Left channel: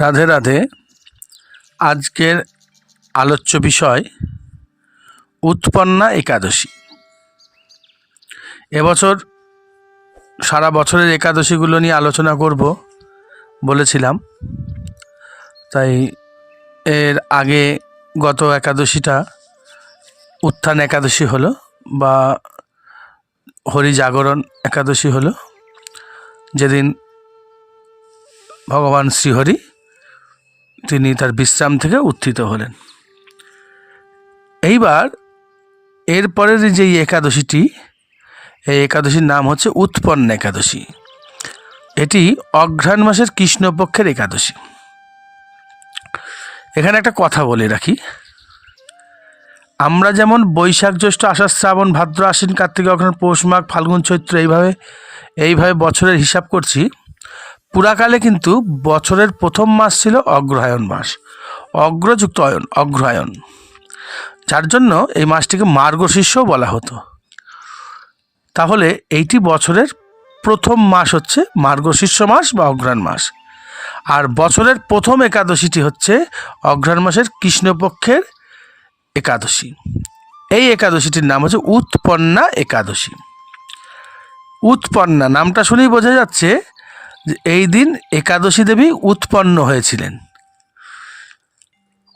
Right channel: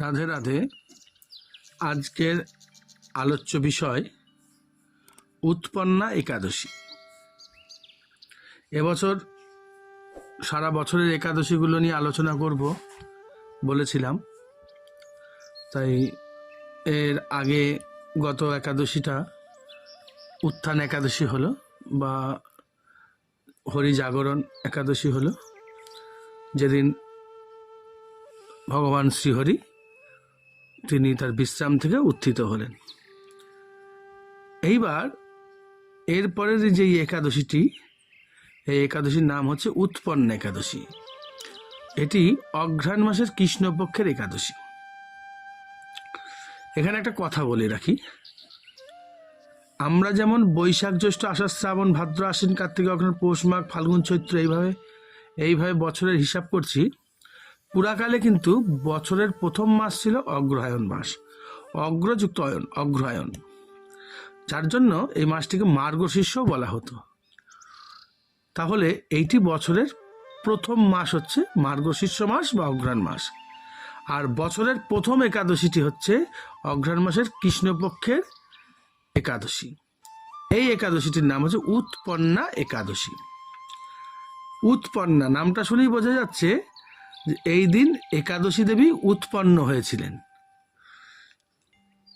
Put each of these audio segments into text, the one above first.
রাধে রাধে। আজকের আলোচ্য বিষয় উৎপন্না একাদশী। এবছর সারা বছরের একাদশীগুলো নিয়ে আলোচনা করব বলেছিলাম, তাই এর আগে গত একাদশীটা উত্থান একাদশী হলো বা হরি জাগরণ একাদশী হলো, যেদিন ভগবান শ্রীহরি তিনি তার বিশ্রাম থেকে উত্থিত হলেন। এইবার এরপরের যে একাদশীটি, এই একাদশীর নাম হচ্ছে উৎপন্ন একাদশী। এটি অঘ্রাণ মাসের কৃষ্ণপক্ষের একাদশী। এখানে একটা কথা বলে রাখি, আমরা যেমন বৈশাখ জ্যৈষ্ঠ আষাঢ় শ্রাবণ ভাদ্র আশ্বিন কার্তিক অগ্রহায়ণ পৌষ মাঘ ফাল্গুন চৈত্র এইভাবে বছরের হিসাব করছি, পুরাকালে কিন্তু বছরের প্রথম মাস ছিল অগ্রহায়ণ মাস, অগ্রযুক্ত অয়ন, অগ্রহায়ণ, যার জন্য এই মাসটিকে মার্গশীর্ষও বলা হতো। তাহলে এইটি বছরের প্রথম মাস হচ্ছে মার্গশীর্ষ মাস বা অঘ্রাণ মাস, আর বছরের প্রথম একাদশীটি হচ্ছে অঘ্রাণ মাসের কৃষ্ণপক্ষের একাদশী। এই একাদশীটির নাম হচ্ছে উৎপন্না একাদশী। উৎপন্না নামটা শুনেই বোঝা যাচ্ছে যে এই দিন একাদশী দেবী উৎপন্ন হয়েছিলেন।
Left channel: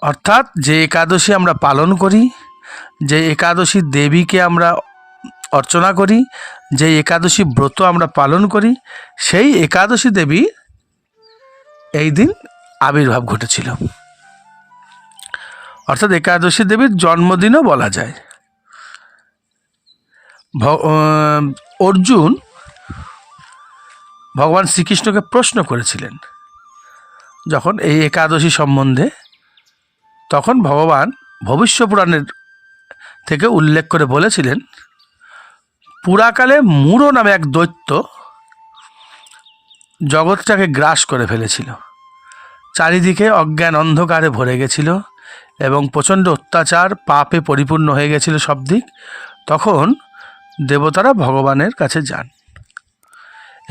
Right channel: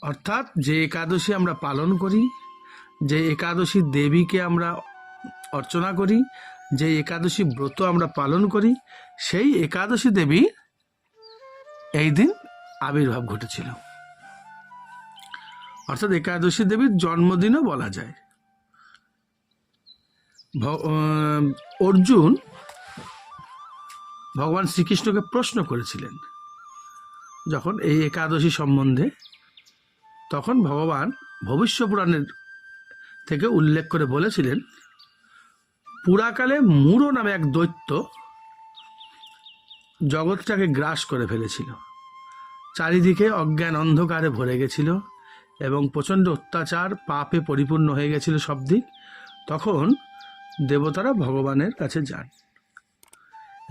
অর্থাৎ যে একাদশী আমরা পালন করি, যে একাদশী দেবীকে আমরা অর্চনা করি, যে একাদশী ব্রত আমরা পালন করি, সেই একাদশী দেবী এই দিন আবির্ভাব ঘটেছিল। অর্থাৎ একাদশী দেবীর জন্মদিনও বলা যায়। অর্জুন ভগবান শ্রীকৃষ্ণকে প্রশ্ন করেছিলেন যখন এই একাদশী সম্বন্ধে, তখন ভগবান ভবিষ্য পুরাণের থেকে উল্লেখ করে বলেছিলেন, পুরাকালে মূঢ় নামে এক দৈত্য জগৎটাকে গ্রাস করে ফেলেছিল। চারিদিকে অজ্ঞান অন্ধকারে ভরে গেছিল এবং প্রচণ্ড অত্যাচার পাপে পরিপূর্ণ হয়ে গেছিল সব দিক। তখন দেবতারা ভগবানের কাছে যান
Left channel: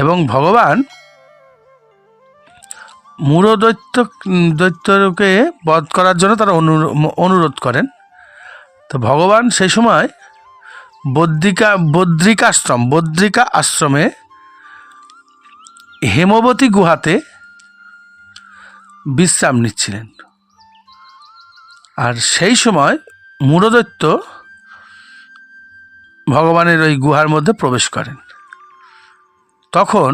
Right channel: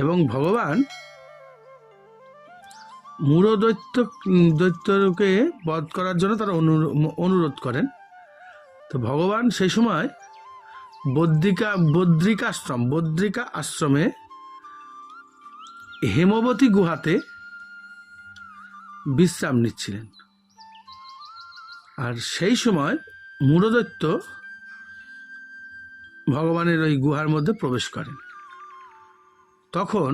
এবং ভগবান মূঢ় দৈত্যকে বধ করার জন্য তারা অনুরোধ করেন। তো ভগবান সেই সময় বদ্রিকা আশ্রমে হেমবতী গুহাতে বিশ্রাম নিচ্ছিলেন। আর সেই সময় মূঢ়দৈত্য ভগবানের ওই গুহার মধ্যে প্রবেশ করেন। তখন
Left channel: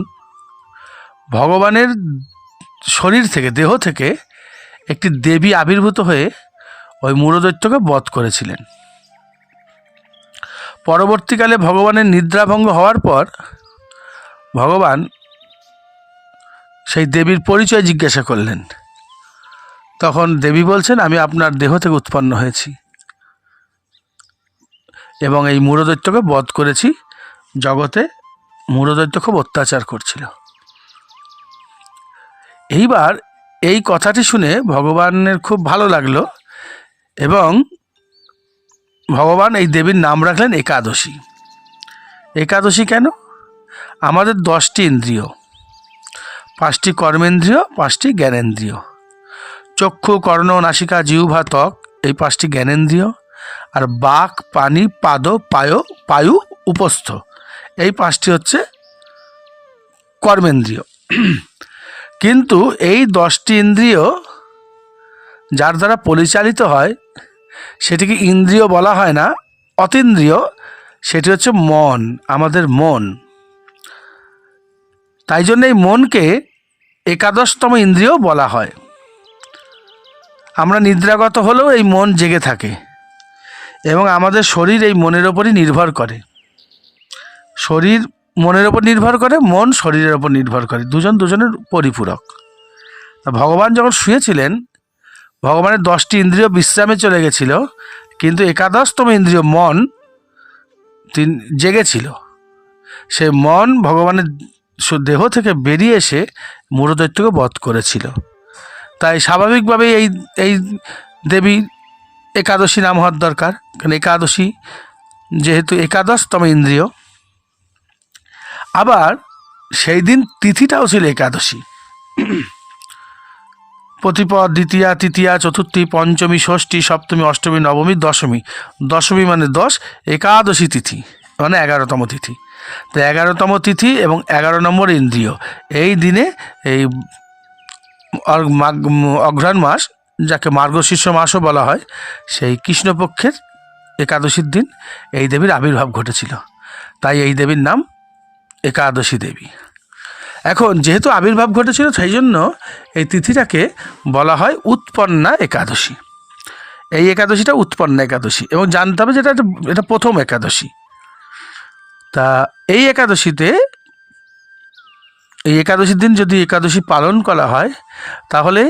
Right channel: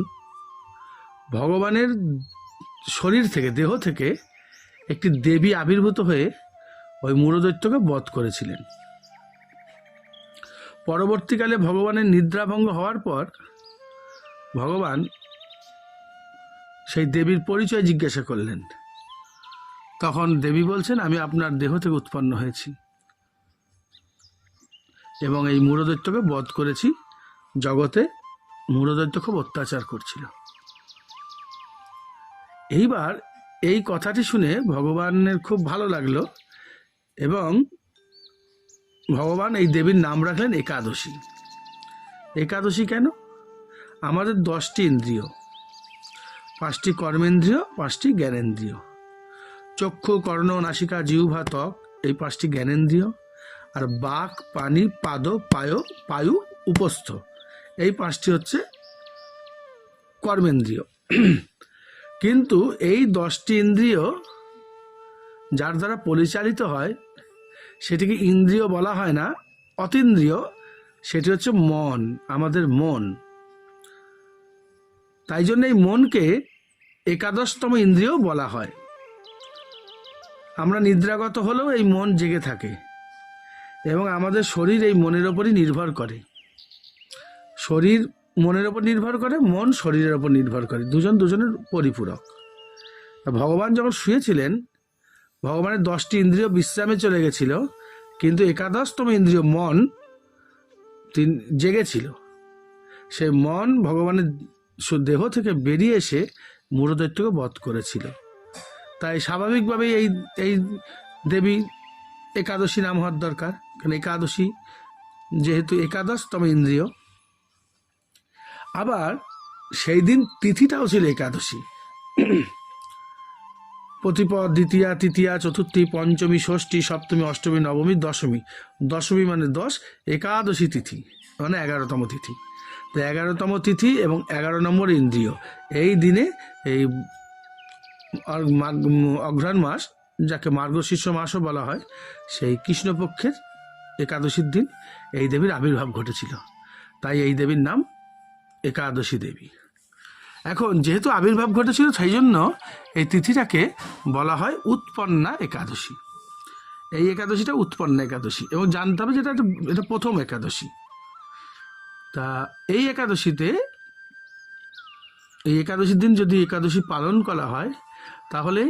ভগবানের শরীর থেকে, দেহ থেকে একটি দেবী আবির্ভূত হয়ে ওই মূঢ়দৈত্যকে বধ করেছিলেন। পরবর্তীকালে ভগবানের নিদ্রাভঙ্গ হওয়ার পর ভগবান সেই দেবীর পরিচয় জিজ্ঞাসা করলেন। তখন দেবী বলছেন, আমি আপনার দেহ থেকে উৎপন্ন হয়েছি এবং এই মূঢ়দৈত্যকে বধ করেছি। জগতে মূঢ়দৈত্য খুব অত্যাচার করছিল। এইবার এই কথাটি শুনে ভগবানের খুব ভালো লাগলো এবং ভগবান এই দেবীর নাম রাখলেন একাদশী। একাদশী কেন? আমাদের 10টি ইন্দ্রিয়, 5টি কর্মেন্দ্রিয়, 5টি জ্ঞানেন্দ্রিয়, চক্ষু কর্ণ নাসিকা জিহ্বা ত্বক, এই 5টি জ্ঞানেন্দ্রিয়, আর বাক পানি পাদ পায়ু উপস্থ, এই 5টি হচ্ছে কর্মেন্দ্রিয়। কিন্তু এই 10টি ইন্দ্রিয় যার দ্বারা পরিচালিত হয় সেটিকে ইন্দ্রিয় বলা হয় না, অতীন্দ্রিয়। সেটি হচ্ছে মন, আমাদের মন। তাই জন্য এই মনকে একাদশতম ইন্দ্রিয় বলা হয়। আমরা নিদ্রাগত হলেও এই মন জেগে থাকে এবং আমাদের শরীর এই মনের ওপরই নির্ভর করে। শরীর মনের ওপর নির্ভর করে, মন শরীরের ওপর নির্ভর করে, দুজন দুজনের পরিপূরক। ভগবান যখন শুয়েছিলেন, ভগবানের 10টি ইন্দ্রিয় বিশ্রামে চলে গেছিল, কিন্তু একাদশতম ইন্দ্রিয় মন জেগেছিল। সে মন ভগবানের দেহ থেকে বেরিয়ে এসে মূঢ়দৈত্যকে বধ করেছিল। তাই স্বাভাবিকভাবেই এই দেবী একাদশী নাম হওয়ার দরকার, কারণ একাদশী যেহেতু একাদশতম ইন্দ্রিয়। আবার সেই দিন তিথিটাও ছিল একাদশী। প্রতিপদ, দ্বিতীয়া, তৃতীয়া, চতুর্থী, পঞ্চমী, ষষ্ঠী, সপ্তমী, অষ্টমী, নবমী, দশমী। দশমী মানে 10, একাদশী তিথি মানে 11তম তিথি। তো 11তম তিথি এবং 11 নম্বর ইন্দ্রিয়, এই দিনে এই অঘ্রাণ মাস, যাকে মার্গশীর্ষ মাসও বলা হয়, সেই কৃষ্ণপক্ষের একাদশীর দিন এই দেবীর আবির্ভাব ঘটেছিল। তাই এই দেবীর নাম একাদশী দেবী। এখন যেহেতু আবির্ভাব ঘটেছিল, সেই জন্য এই তিথিটাকে বলা হয় উৎপন্না একাদশী। এই একাদশীটা উৎপন্না একাদশী, এবং জানতে হবে যেটা এটা প্রথম একাদশী। তা এই একাদশীর দিন যদি একাদশী পালন করা হয়, তাহলে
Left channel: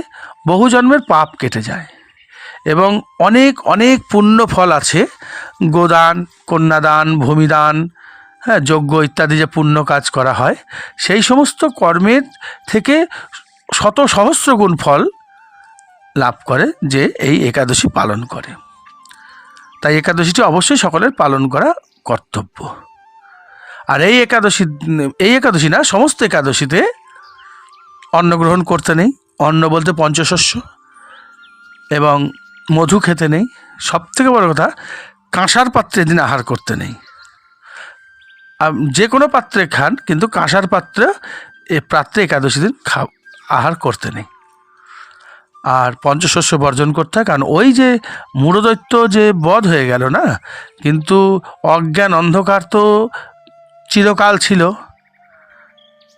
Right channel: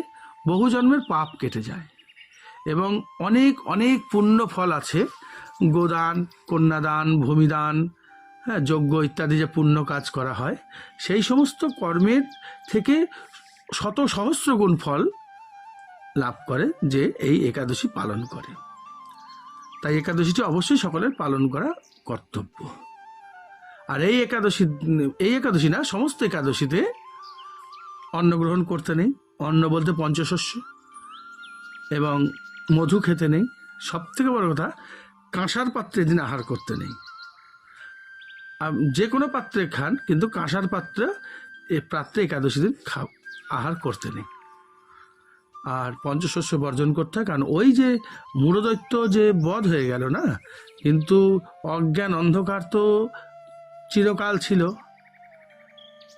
বহু জন্মের পাপ কেটে যায় এবং অনেক অনেক পুণ্য ফল আছে। গোদান, কন্যাদান, ভূমিদান, যজ্ঞ ইত্যাদি যে পুণ্য কাজ করা হয়, সেই সমস্ত কর্মের থেকে শত সহস্র গুণ ফল লাভ করে যে এই একাদশী পালন করে। তাই একাদশীটি অবশ্যই সকলের পালন করা কর্তব্য। আর এই একাদশী না, সমস্ত একাদশীতে অন্ন গ্রহণ করতে নেই। অন্ন বলতে পঞ্চশস্য, এবং মধু খেতে নেই। সবথেকে বড় কথা, কাঁসার পাত্রে দিন আহার করতে নেই। যে কোনো পাত্রে খান, কিন্তু কাঁসার পাত্রে একাদশী দিন আহার করতে নেই। আর পঞ্চশস্য বর্জন করতে হয়, কারণ ওই যে মূঢ়দৈত্য যে বধ হয়ে গেল না, কিন্তু অজ্ঞান অন্ধকার তো চিরকাল ছিল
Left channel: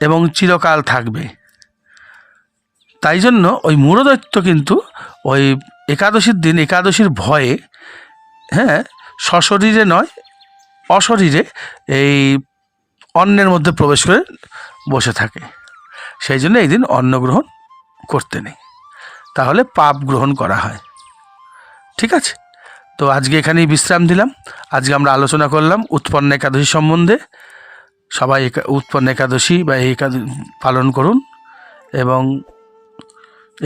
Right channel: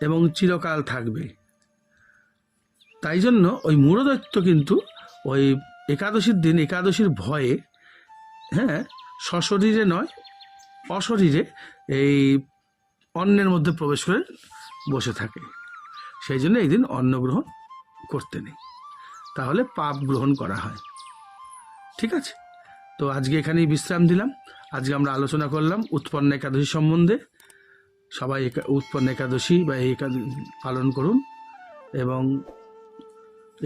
এবং চিরকাল থাকবে। তাই জন্য ওই মূঢ়দৈত্য কিন্তু ওই একাদশীর দিন, একাদশীর ভয়ে, সশরীরে নয় অশরীরে এই অন্নের মধ্যে প্রবেশ করে বসে থাকে। সেই জন্য এই দিন অন্ন গ্রহণ করতে নেই, তাহলে পাপ গ্রহণ করা হয়। ঠিক আছে, তো আজকে এখানেই বিশ্রাম দিলাম। আজকে আমরা আলোচনা করলাম উৎপন্না একাদশী সম্বন্ধে। সবাই উৎপন্না একাদশী বা এই একাদশী পালন করুন, এবং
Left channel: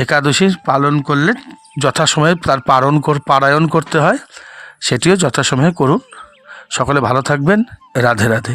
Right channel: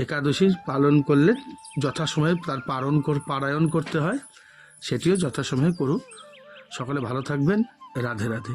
একাদশী পালন করলে যথাসময়ে তার পারায়ণ করতে হয়, সেটিও যথাসময়ে করুন। সকলে ভালো থাকবেন। রাধে রাধে।